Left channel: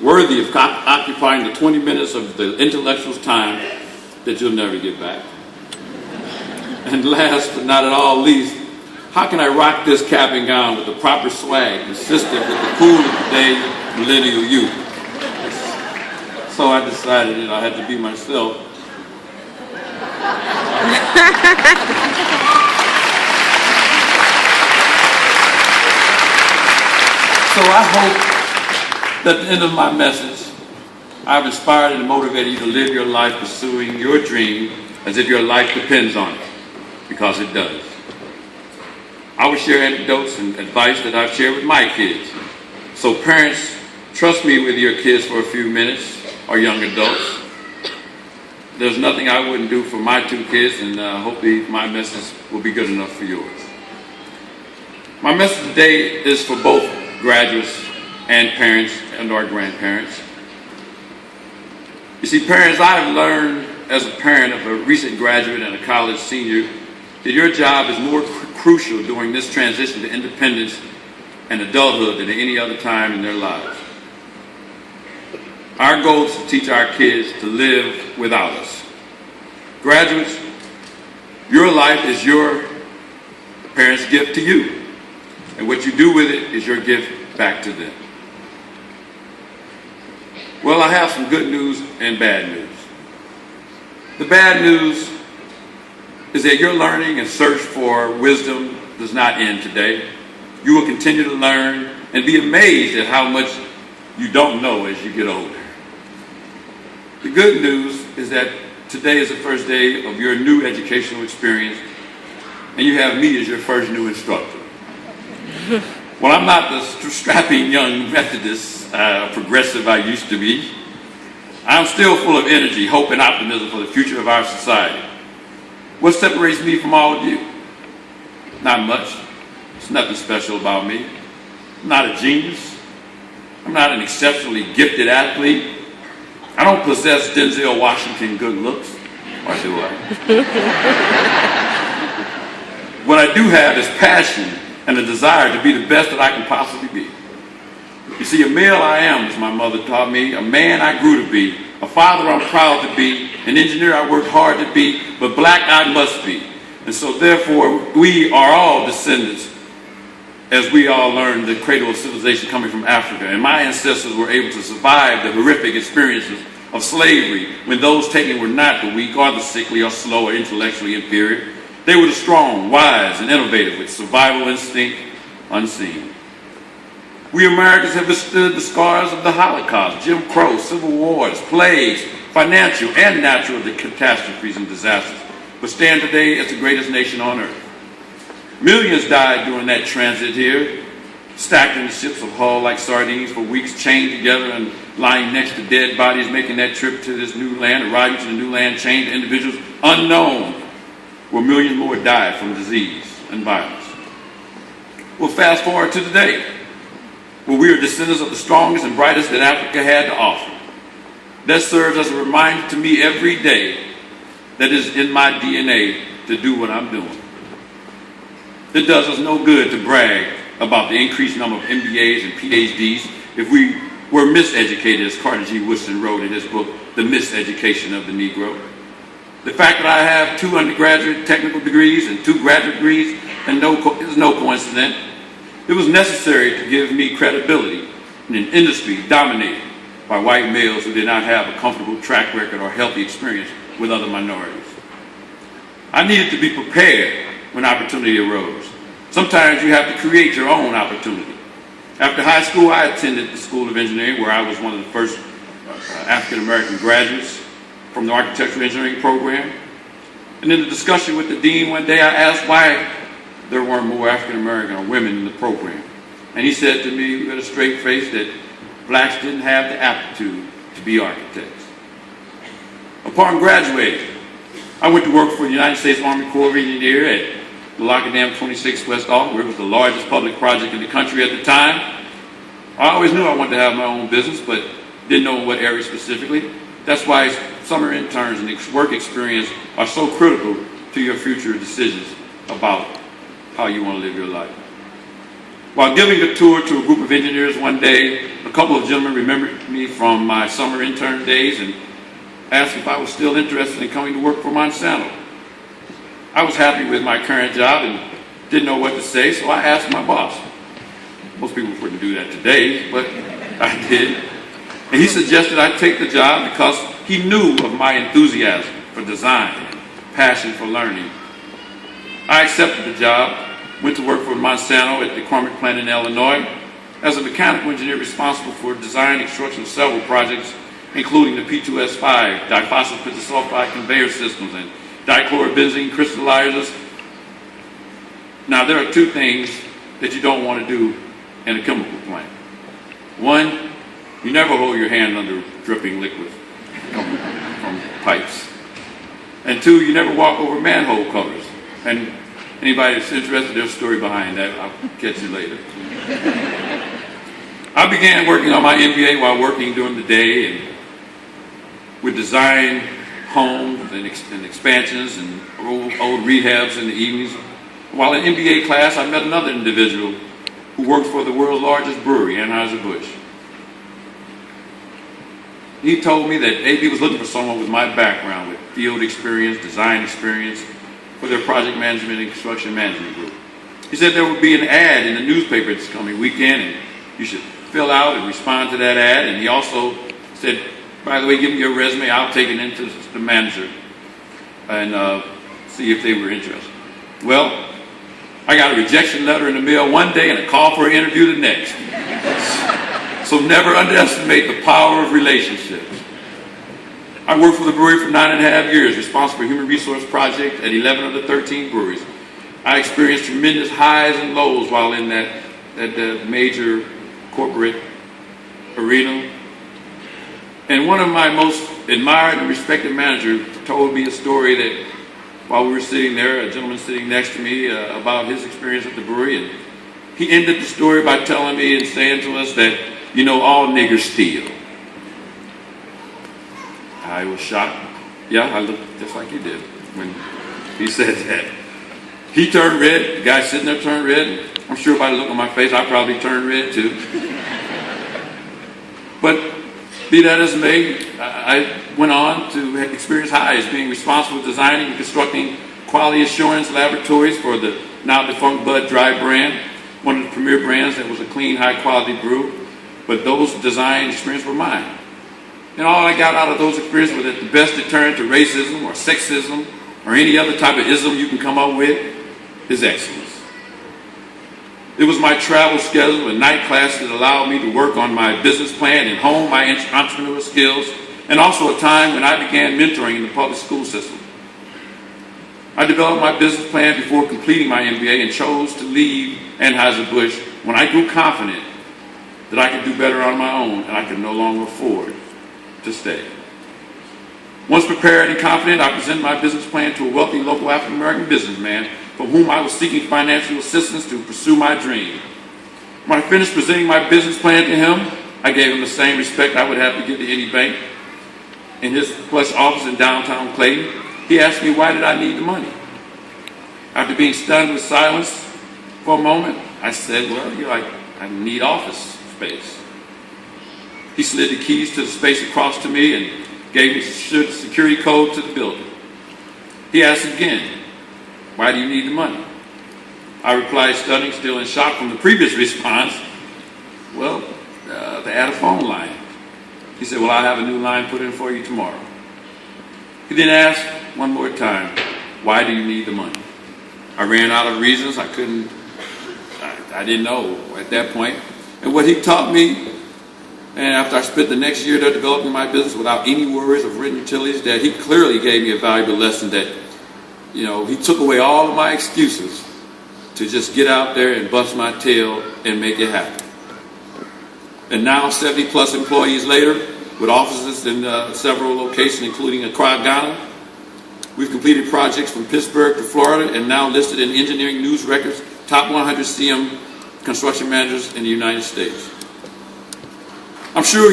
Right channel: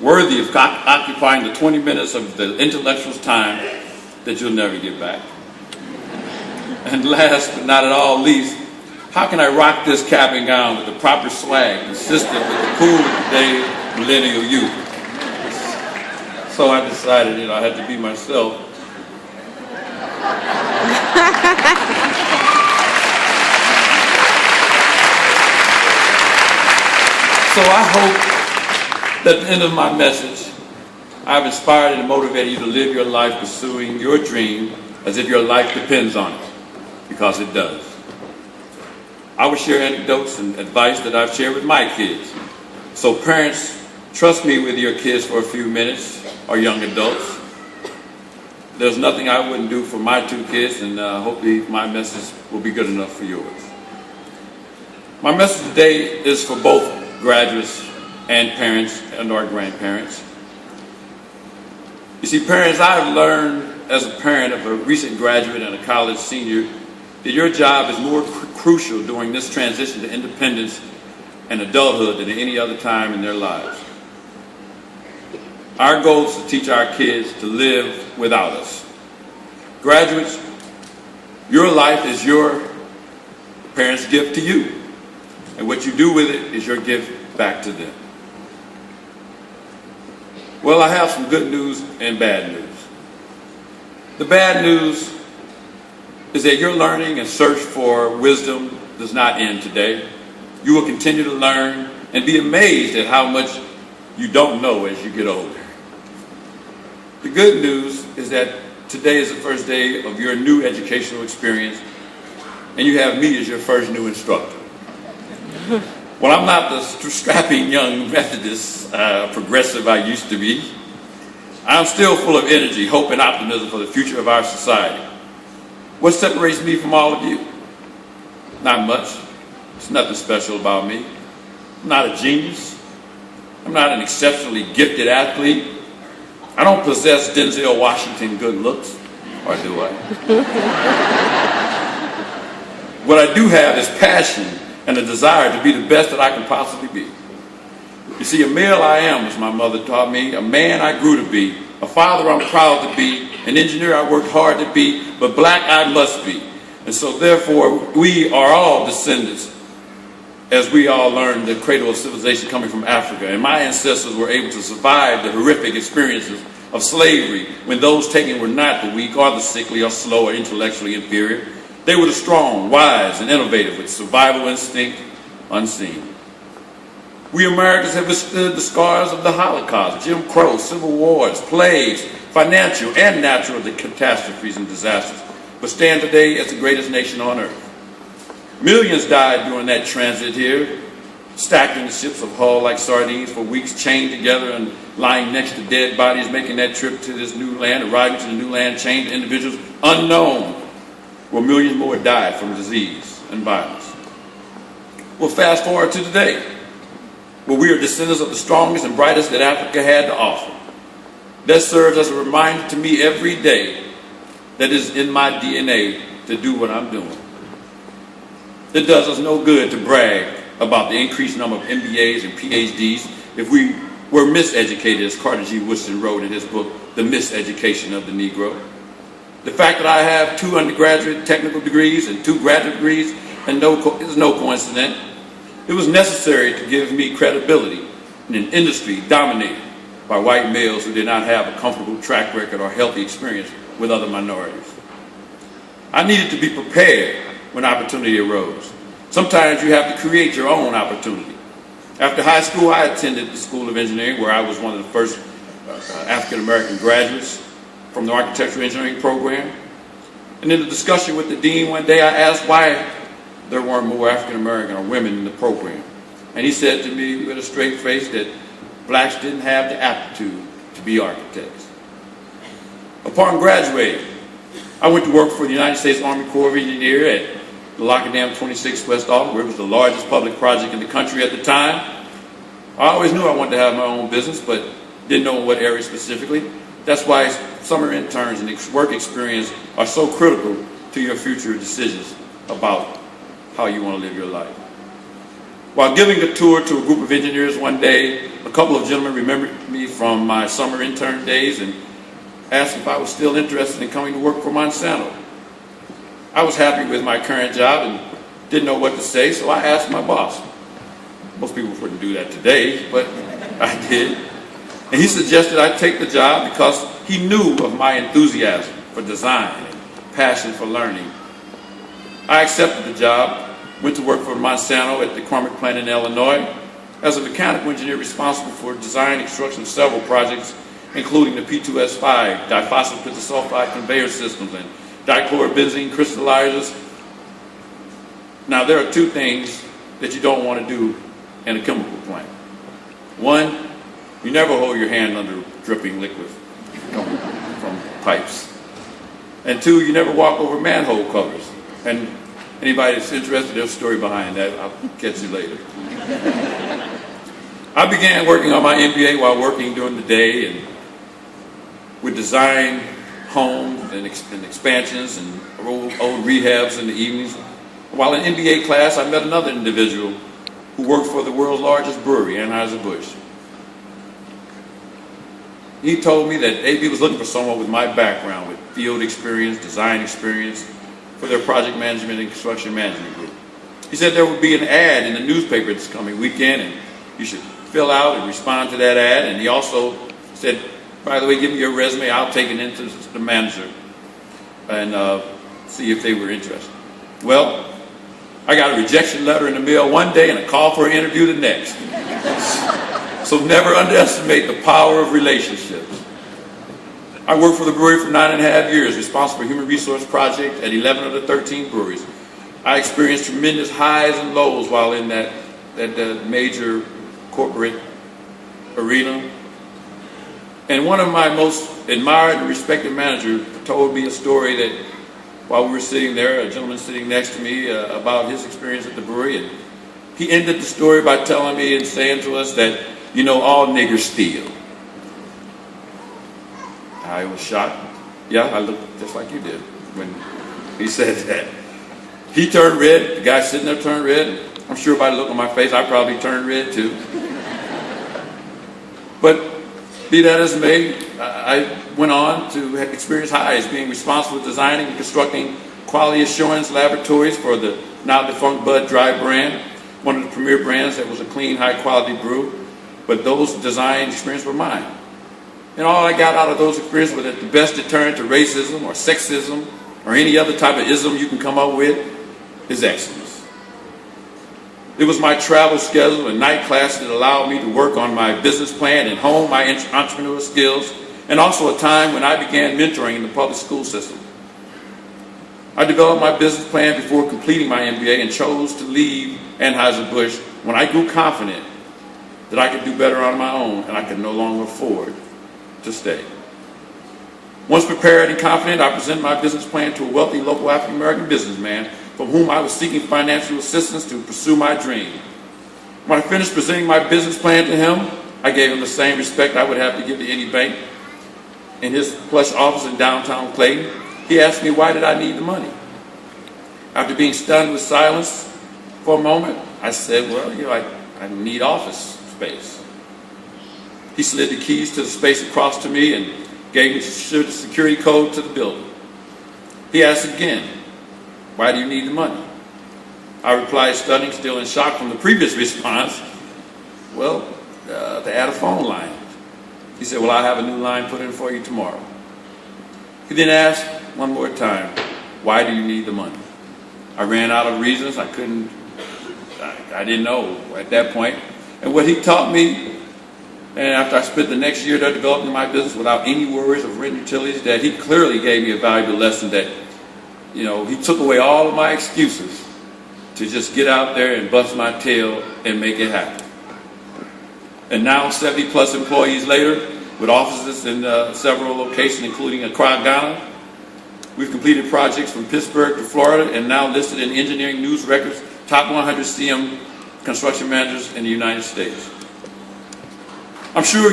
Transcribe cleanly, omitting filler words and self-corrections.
worthy of occupying the 20 minutes of the intellectual's time that you'll never get back. And last but not at all least, how can I rock this cap and gown with the proper swag consistent with the cool of today's millennial youth? So I decided, I had to be myself. So I hope that at the end of my message, I've inspired and motivated you to live your life pursuing your dream as if your life depends on it, because it does. I will share anecdotes and advice that I've shared with my kids. So parents, trust me with your kids for a few minutes, or young adults. There's nothing I wouldn't do for my two kids, and hopefully my message will be good enough for yours. My message today is for both graduates and parents and our grandparents. You see, parents, I've learned as a parent of a recent graduate and a college senior that your job is more crucial during this transition to independence and adulthood than at any other time in their lives. Our goal is to teach our kids to live without us. Graduates, your life is your parents' gift to you, and what you do with it is your gift back to them. Well, I have some good news and bad news. The bad news is that your learning and search for wisdom does not end today. You will continue to learn and be amazed at how much you don't know as you get older. The good news is that today is the first day of your new educational experience, and you have me as your first new instructor. Well, I'm not the strapping young Methodist progressive I used to be. I'm still full of energy, hope, and optimism for the future of our society. What separates me from all of you? Not much. There's nothing special about me. I'm not a genius. I'm not an exceptionally gifted athlete. I don't possess Denzel Washington good looks, or do I? What I do have is passion and a desire to be the best that I can possibly be. You see, a male I am, as my mother taught me, a man I grew to be, a father I'm proud to be, an engineer I worked hard to be, but black I must be. And so therefore, we are all descendants, as we all learned the cradle of civilization coming from Africa. And my ancestors were able to survive the horrific experiences of slavery when those taken were not the weak or the sickly or slow or intellectually inferior. They were the strong, wise, and innovative with survival instinct unseen. We Americans have withstood the scars of the Holocaust, Jim Crow, civil wars, plagues, financial and natural catastrophes and disasters, but stand today as the greatest nation on earth. Millions died during that transit here, stacked in the ships of Hull like sardines for weeks, chained together and lying next to dead bodies, making that trip to this new land, arriving to the new land, chained individuals unknown, where millions more died from disease and violence. Well, fast forward to today, where we are descendants of the strongest and brightest that Africa had to offer. That serves as a reminder to me every day that it is in my DNA to do what I'm doing. It does us no good to brag about the increased number of MBAs and PhDs if we were miseducated, as Carter G. Woodson wrote in his book, The Miseducation of the Negro. The fact that I have 2 undergraduate technical degrees and 2 graduate degrees is no coincidence. It was necessary to give me credibility in an industry dominated by white males who did not have a comfortable track record or healthy experience with other minorities. I needed to be prepared when opportunity arose. Sometimes you have to create your own opportunity. After high school, I attended the School of Engineering, where I was one of the first African-American graduates from the architectural engineering program. And in the discussion with the dean one day, I asked why there weren't more African-American or women in the program. And he said to me with a straight face that blacks didn't have the aptitude to be architects. Upon graduating, I went to work for the United States Army Corps of Engineers at the Lockerdam 26 West Office, where it was the largest public project in the country at the time. I always knew I wanted to have my own business, but didn't know in what area specifically. That's why summer interns and work experience are so critical to your future decisions about how you want to live your life. While giving a tour to a group of engineers one day, a couple of gentlemen remembered me from my summer intern days and asked if I was still interested in coming to work for Monsanto. I was happy with my current job and didn't know what to say, so I asked my boss. Most people wouldn't do that today, but I did. And he suggested I take the job because he knew of my enthusiasm for design and passion for learning. I accepted the job, went to work for Monsanto at the Cormick plant in Illinois as a mechanical engineer responsible for design and construction of several projects, including the P2S5 diphosphopentadisulfide conveyor systems and dichlorobenzene crystallizers. Now, there are two things that you don't want to do in a chemical plant. One, you never hold your hand under dripping liquid from pipes. And two, you never walk over manhole covers. And anybody that's interested, there's a story behind that. I'll catch you later. I began working on my MBA while working during the day and would design homes and expansions and old rehabs in the evenings. While in MBA class, I met another individual who worked for the world's largest brewery, Anheuser-Busch. He told me that AB was looking for someone with my background, with field experience, design experience, for their project management and construction management group. He said there would be an ad in the newspaper this coming weekend, and you should fill out and respond to that ad. And he also said, by the way, give me your resume, I'll take it into the manager and see if they were interested. Well, I got a rejection letter in the mail one day and a call for an interview the next. So never underestimate the power of relationships. I worked for the brewery for 9.5 years, responsible for human resource project at 11 of the 13 breweries. I experienced tremendous highs and lows while in that major corporate arena. And one of my most admired and respected managers told me a story that while we were sitting there, a gentleman sitting next to me, about his experience at the brewery. And he ended the story by telling me and saying to us that, you know, all niggers steal. I was shocked. Yeah, I looked just like you did when he said that. He turned red. The guy sitting there turned red. I'm sure by the look on my face, I probably turned red too. But be that as it may, I went on to experience highs, being responsible for designing and constructing quality assurance laboratories for the now defunct Bud Dry brand, one of the premier brands that was a clean, high-quality brew. But those design experiences were mine. And all I got out of those experiences was that the best deterrent to racism or sexism or any other type of ism you can come up with is excellence. It was my travel schedule and night class that allowed me to work on my business plan and hone my entrepreneurial skills, and also a time when I began mentoring in the public school system. I developed my business plan before completing my MBA and chose to leave Anheuser-Busch when I grew confident that I could do better on my own and I could no longer afford to stay. Once prepared and confident, I presented my business plan to a wealthy local African-American businessman from whom I was seeking financial assistance to pursue my dream. When I finished presenting my business plan to him, I gave him the same respect I would have to give to any bank. In his plush office in downtown Clayton, he asked me why did I need the money. After being stunned with silence for a moment, I said, well, I need office space. He slid the keys to the space across to me and gave me the security code to the building. He asked again, why do you need the money? I replied, stunned, still in shock from the previous response, well, to add a phone line. He said, well, I'll have a new line put in for you tomorrow. He then asked one more time, why do you need the money? I ran out of reasons. I didn't know at that point. And what he taught me, and after I spent the next year there developing my business without any worries of written utilities, that he clearly gave me a valuable lesson that, he took away all of my excuses to just get out there and bust my tail and make it happen. And now, 70 plus employees later, with offices in several locations, including Accra, Ghana, we've completed projects from Pittsburgh to Florida and now listed in Engineering News Records top 100 CM construction managers in the United States. I'm sure